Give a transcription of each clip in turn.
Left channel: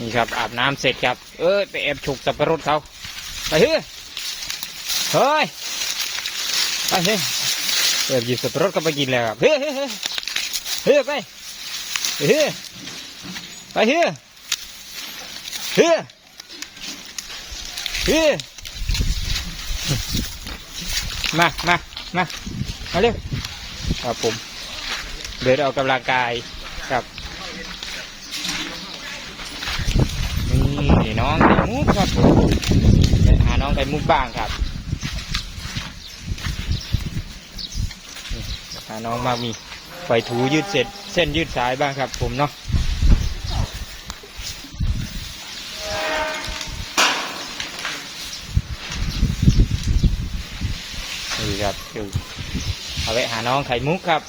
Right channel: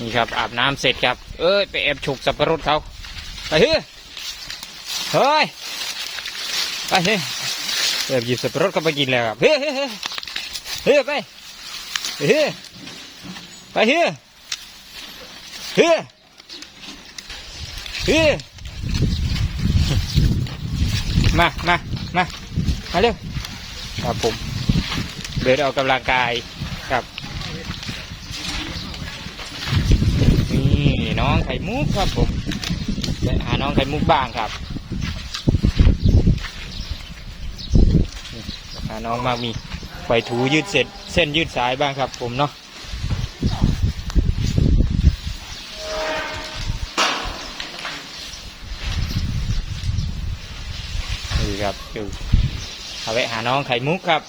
นี่ครับ อาบน้ำเสร็จครับ เอ้ยไปแอบฉกสับปะรดเขาไปเฮ้ยเฮ้ยไปเฮ้ยแอบหยิบสับปะรดก็ไปกินแล้วครับเฮ้ยเฮ้ยเฮ้ยเฮ้ยไปเฮ้ยไปเฮ้ยเฮ้ยเฮ้ยมามามามาเลยครับผมเดินออกกำลังกายครับ นี่น้องไข่มุกครับผมไปหาน้องไข่มุกบ้างครับนี่หาน้องมามีปล่อยถูยืดเสร็จเส้นยืดสายบ้างครับ ผมเนาะนี่ครับดูเอาไว้หาน้องไข่มุกครับ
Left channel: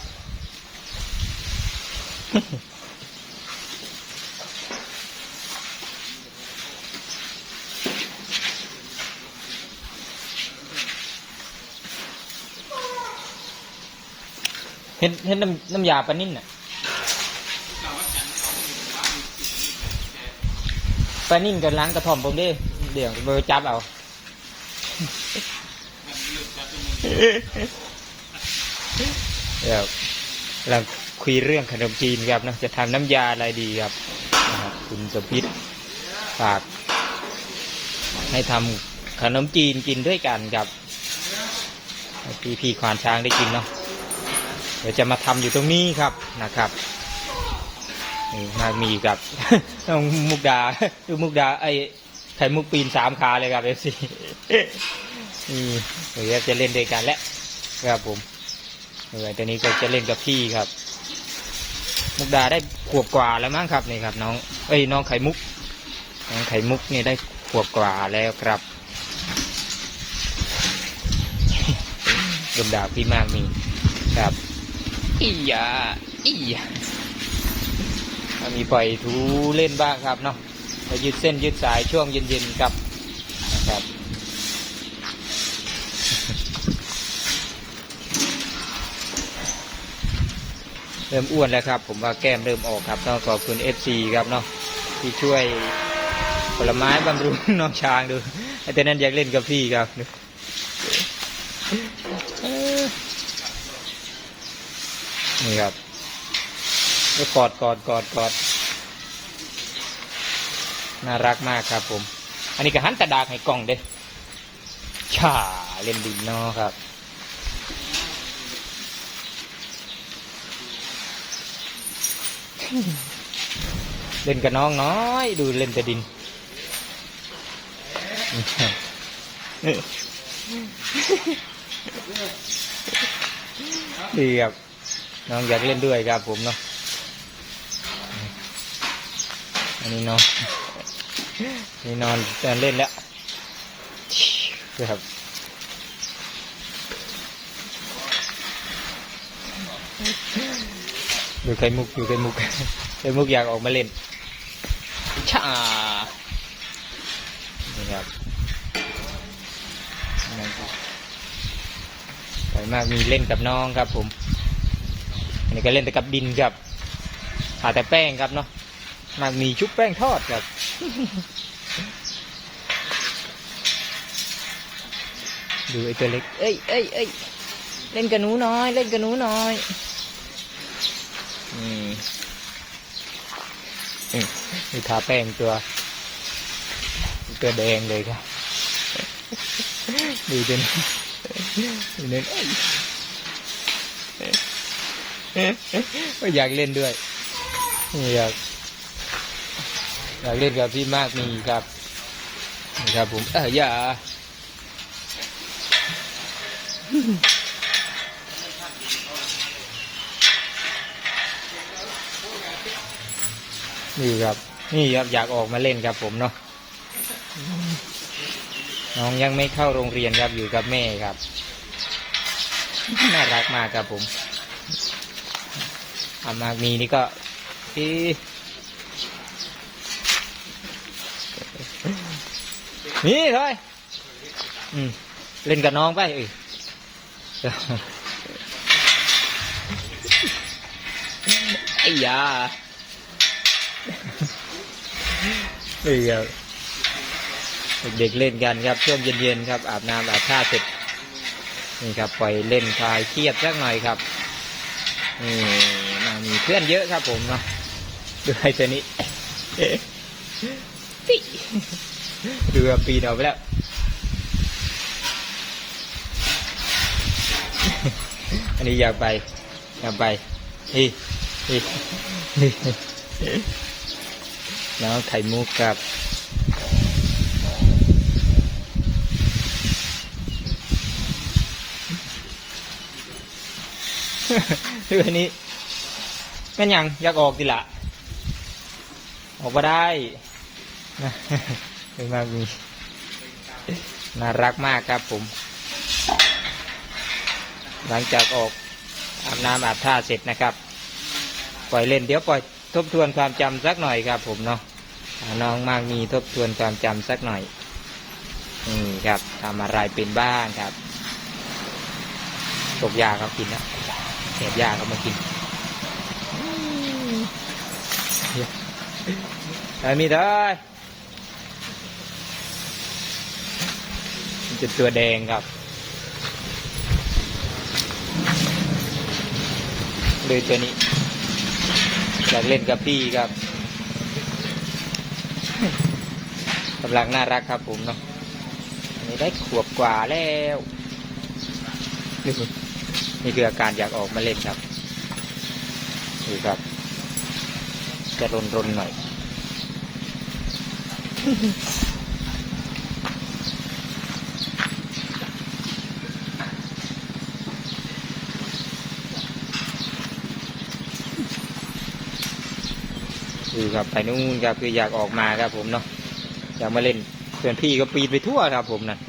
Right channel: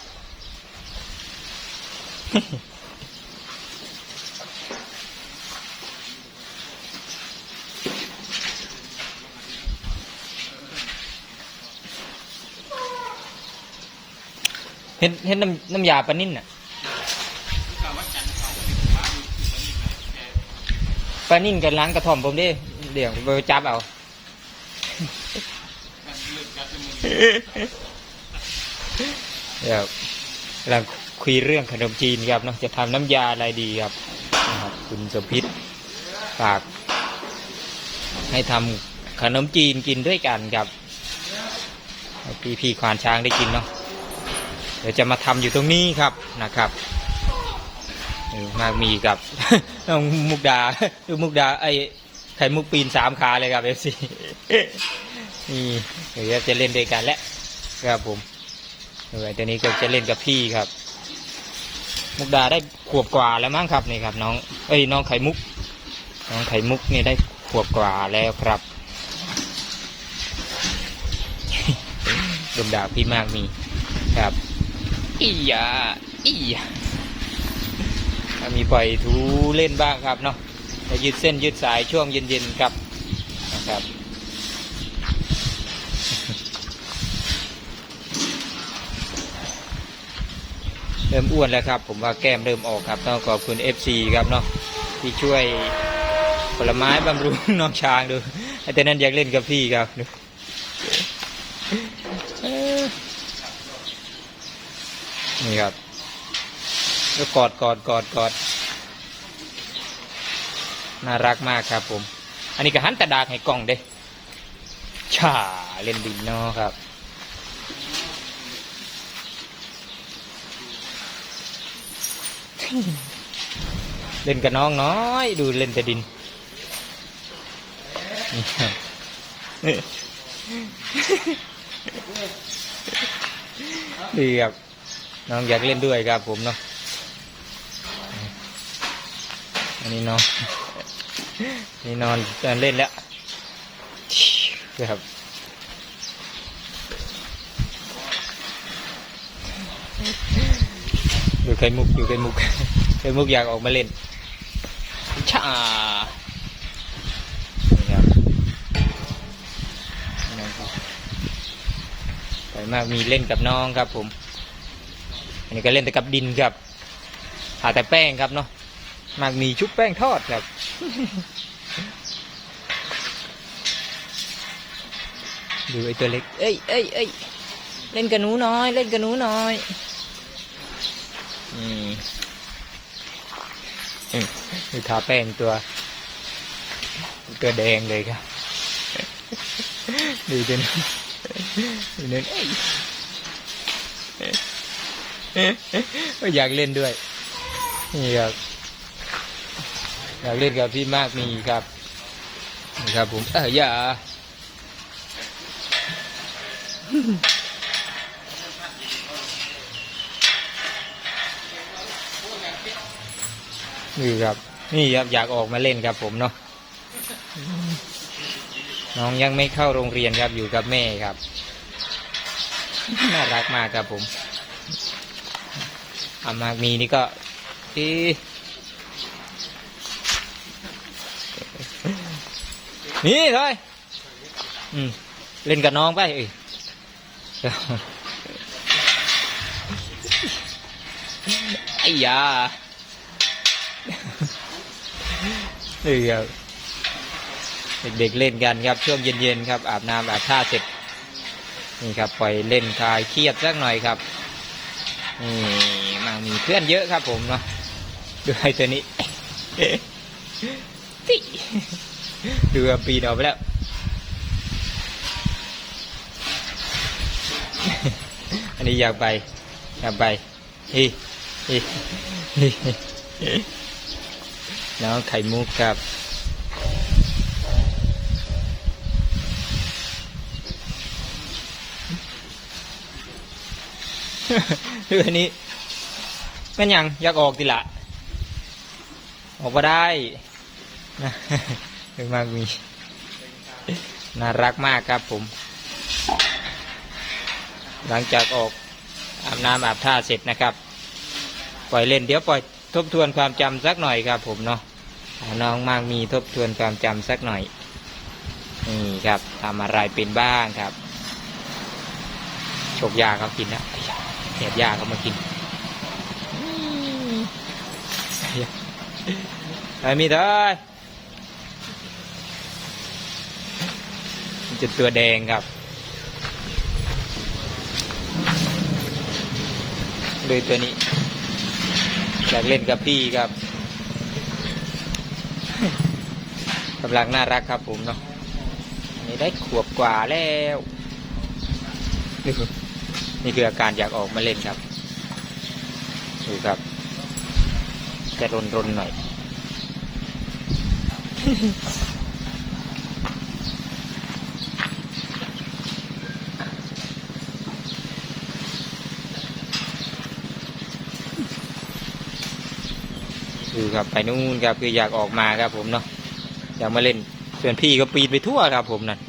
เห็นเห็นน้ำน้ำยาปลานิ่นน่ะปลานิ่นกันล้างกระท่อมผมดิเดี๋ยวไปจับเอาเดี๋ยวเราคุยเรื่องขนมจีนครับเนาะจะทำน้ำยาอะไรดีครับนะครับคุณสมพิษฝาก ให้ทำขนมจีนกินด้วยกันครับให้พี่พี่ควานช้างได้กินเนาะ เดี๋ยวจะมาทำอยู่ตรงนี้ครับนะครับนี่มามีกับน้องมุกดาดูมุกดาไอไข่มุกปีนสามขาเลยครับเอฟซีนี่เดี๋ยวจะเล่นด้วยกันแล้วครับผมเออตัวนี้ก็จะเล่นกับพี่ครับ มุกดาได้ขวบกว่าแล้วมั้งครับนี่ครับ น้องเอ้ยน้องไข่มุก น้องไข่มุกนี่ได้ขวบกว่าแล้วครับดมดาวพี่มากมีครับ อียาอียามีปล่อยทูเล่นบ้างครับเนาะไปยืดเส้นยืดสายช่วงเย็นๆครับนะครับเริ่มอ้วนแล้วครับ ผมว่าแก้มเริ่มออกครับต้องขอบคุณเอฟซีครับเนาะที่ช่วยผลไม้บำรุงน้องช้างดูไอ้แต่นั้นอยากเล่นกับพี่ครับดูเอ้อ นี่ครับก็กอดกอดกอดกอดน่ารักมากครับผม อันนี้ก็หันตะดากให้กล้องเด้ชาเล่นดินเนาะครับเล่นกับน้องน้อย ดูเล่นแต่ดิน ดีครับ น้องอยากเล่นด้วยครับผมเนาะอันนี้นอนนี่นอนจะเล่นแล้วครับดูไข่มุกดูไข่มุกไข่มุกอยากออกมาเล่นช่านี่ครับน้องครับสวยมากมีเล่นกับน้องครับผม อันนี้ก็เล่นแต่กับดินครับหาแต่แป้งครับเนาะมากมีชุบแป้งทอดครับ ดูไอ้ตัวเล็ก เอ้ยเอ้ยเอ้ยเล่นกับหนูน้อย เล่นกับหนูน้อยอืมอืมดูทาแป้งตัว ตัวแดงเลยครับ ดูจนดูนั่นเอ้ย ก็อยากเล่นด้วยนี่ครับอยากเล่นกับพี่มากมีครับนี่ครับผมเอออย่านี่ครับ นี่ครับอยากออกมาเล่นครับผมเนาะน้องยังไม่เข้าโรงเรียนครับอยู่กับแม่ครับ น่ารักมากครับผม อามากมีนี่ก็อีนี่เลยอืมเล่นกับน้องไปเอ้ยไอ้ยาเดี๋ยเด็กๆเล่นกันครับช่วงเย็นๆครับ อาบน้ำอาบท่าเสร็จนี่ครับปล่อยเล่นคลายเครียดสักหน่อยครับนี่ มีเพื่อนเยอะครับผมเนาะดูไอ้ตัวนี้ปิดูปีนออกไปแล้ว อันนี้อยากไป อยากไปฮ้ยเฮ้ยเฮ้ยน้องไข่มุกครับคืออัน นี้ก็ยังอยากออกดีละออกมาได้นะเป็นมากมีน่ารักมากครับผม หลังจากออกอาบน้ำอาบท่าเสร็จนะครับ ปล่อยเล่นเดี๋ยวปล่อยทบทวนความจำสักหน่อยครับผมเนาะน้องมากมีทบทวนความจำสักหน่อยนี่ครับทำอะไรเป็นบ้างครับตกยาเขากินนะเสียบยาเขามากิน ไอ้มีเด้อมันจะตัวแดงครับ เลยตัวนี้ อยากเล่นกับพี่ครับกำลังน่ารักครับผมเนาะนนี้ได้ขวบกว่าแล้วนี่คือนี่คืออาการอยากออกมาเล่นครับดูครับ จะรนรนๆหน่อย ดูครับไปนู่นครับคืออยากออกมาครับผมเนาะอยากมาเล่นส่วนพี่ก็ปีนไปทั่วครับผมนั่น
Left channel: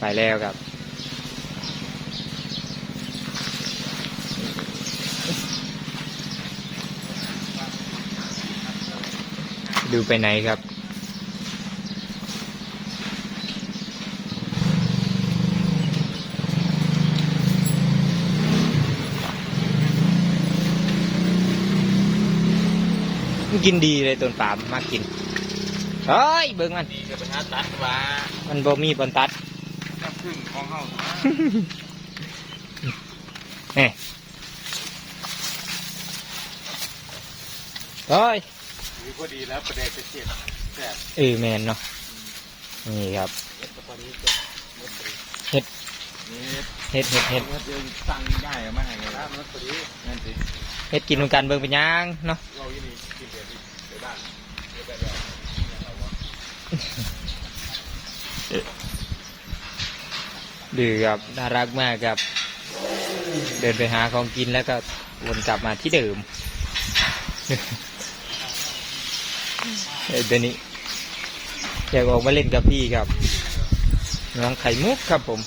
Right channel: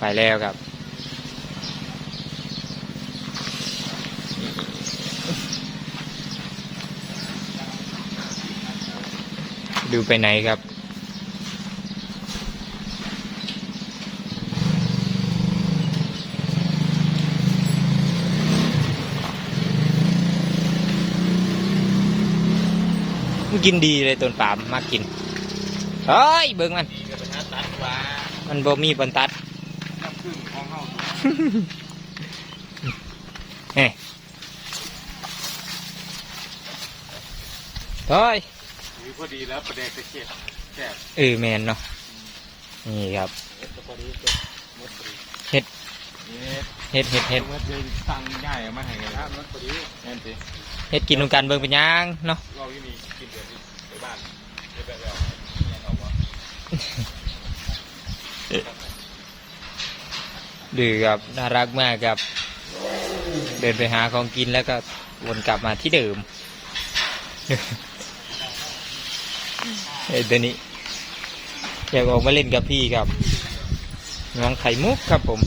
ไปแล้วครับ ดูไปไหนครับ กินดีเลยต้นปาล์มมากกินเฮ้ยเบิ่งมันมันบ่มีบนตัดเฮ้ยเฮ้ย พอดีแล้วประเด็นจะเจ็บแสบเออแมนเนาะนี่ครับพอดีก็ดเฮ็ดเฮ็ดเฮ็ดเฮ็ดเห้เลยหมดพอดีนั่นสิเฮ็ดกินนำกันเบิ่งเป็นหยังเนาะเราที่นี่กินเดี๋ยวนี้ไปบ้านเดี๋ยวไปแบบดื้อครับน่ารักมากครับ เดินไปหาของกินแล้วก็วนกลับมาที่เดิม ไอ้ตัวนี้อยากออกมาเล่นกับพี่ครับน้องไข่มุกครับผม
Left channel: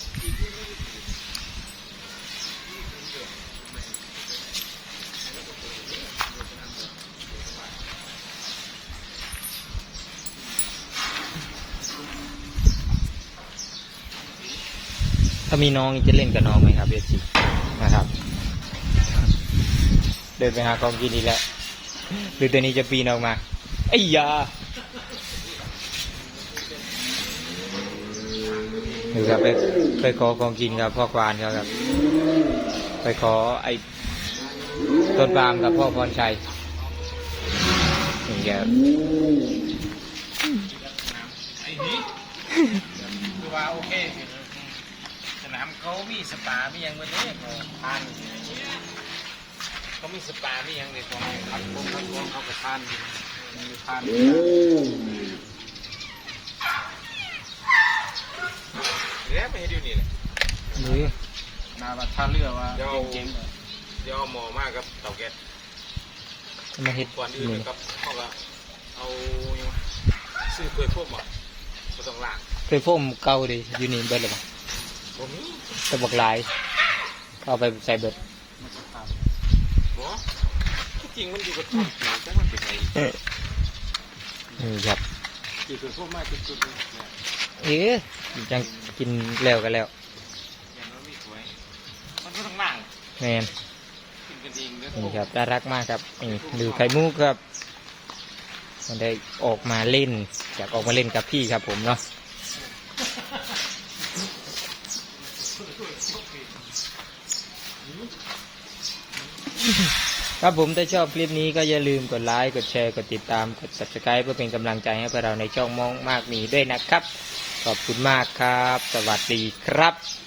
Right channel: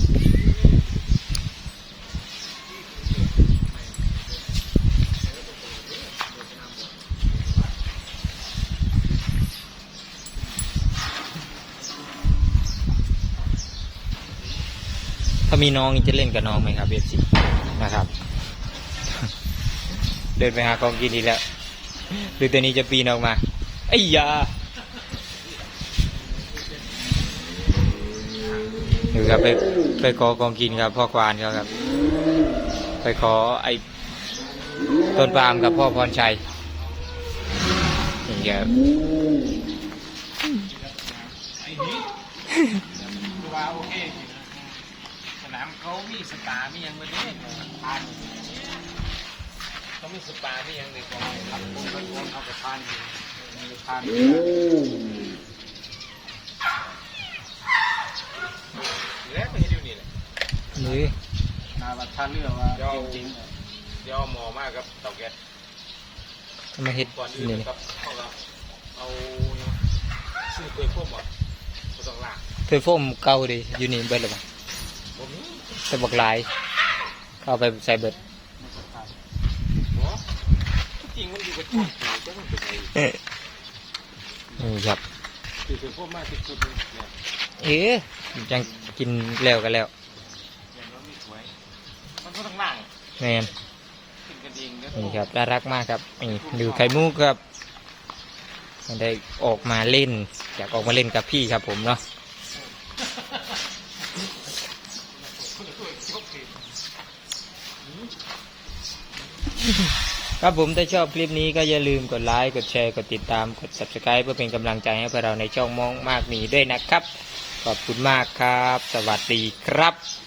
ถ้ามีน้องจะเล่นกับน้องไหมครับเอซีนะครับ เดินไปหาของกินดีกแล้วหรือตัวนี้จะปีนออกมา ไอ้ยาหรือครับไปไปขอของกินครับพ่อควานเขาครับ ไปขอไอ้ต้นปาล์มกับพ่อพรชัยนี่ครับว้าวเสนามเขามีสปามียังมาเนี่ยทานเขามีสปามียังเลยเขาเขาก็ทาน ทานแล้วไม่ให้ดูนี่แหละนี่นาบัตรท่าเรือว่าจริงๆเดี๋ยวเอาหมอมากครับเตาแก๊สจะมาเฮ็ดก่อนอื่นี่นครับเขาก็เอาซื้อเปลือกพวกหมอมาต้องล้างเคยโฟมเก่าดิอยู่นี่เบิดหรือเปล่าผมนี่ตะบักหลายเข้าไปใส่เบิดหมอที่จริงมันดีกว่าที่ก็มั นเป็นไงเอ้ยนี่ครับซื้อเปลือกพวกมากจริงๆเนี่ยเอ๊ะยังกินแล้วกันแล้วอย่างน้อยมีสวยมันก็ต้องล้างแมนขึ้นกันเองเด้อนี่ครับน่ารักมากครับนี่ดูไข่มุกครับนมันได้ออกมาเล่นอยากออกมาเล่นกับพี่ครับผมเนาะ ครับผมถ้าชอบคลิปนี้ก็อย่าลืมกดไลค์ กดแชร์ กดติดตาม กด subscribe เพื่อเป็นกำลังใจให้พวกเราในช่องมองมากมีด้วยนะครับ ขอบคุณมากครับ สวัสดีครับ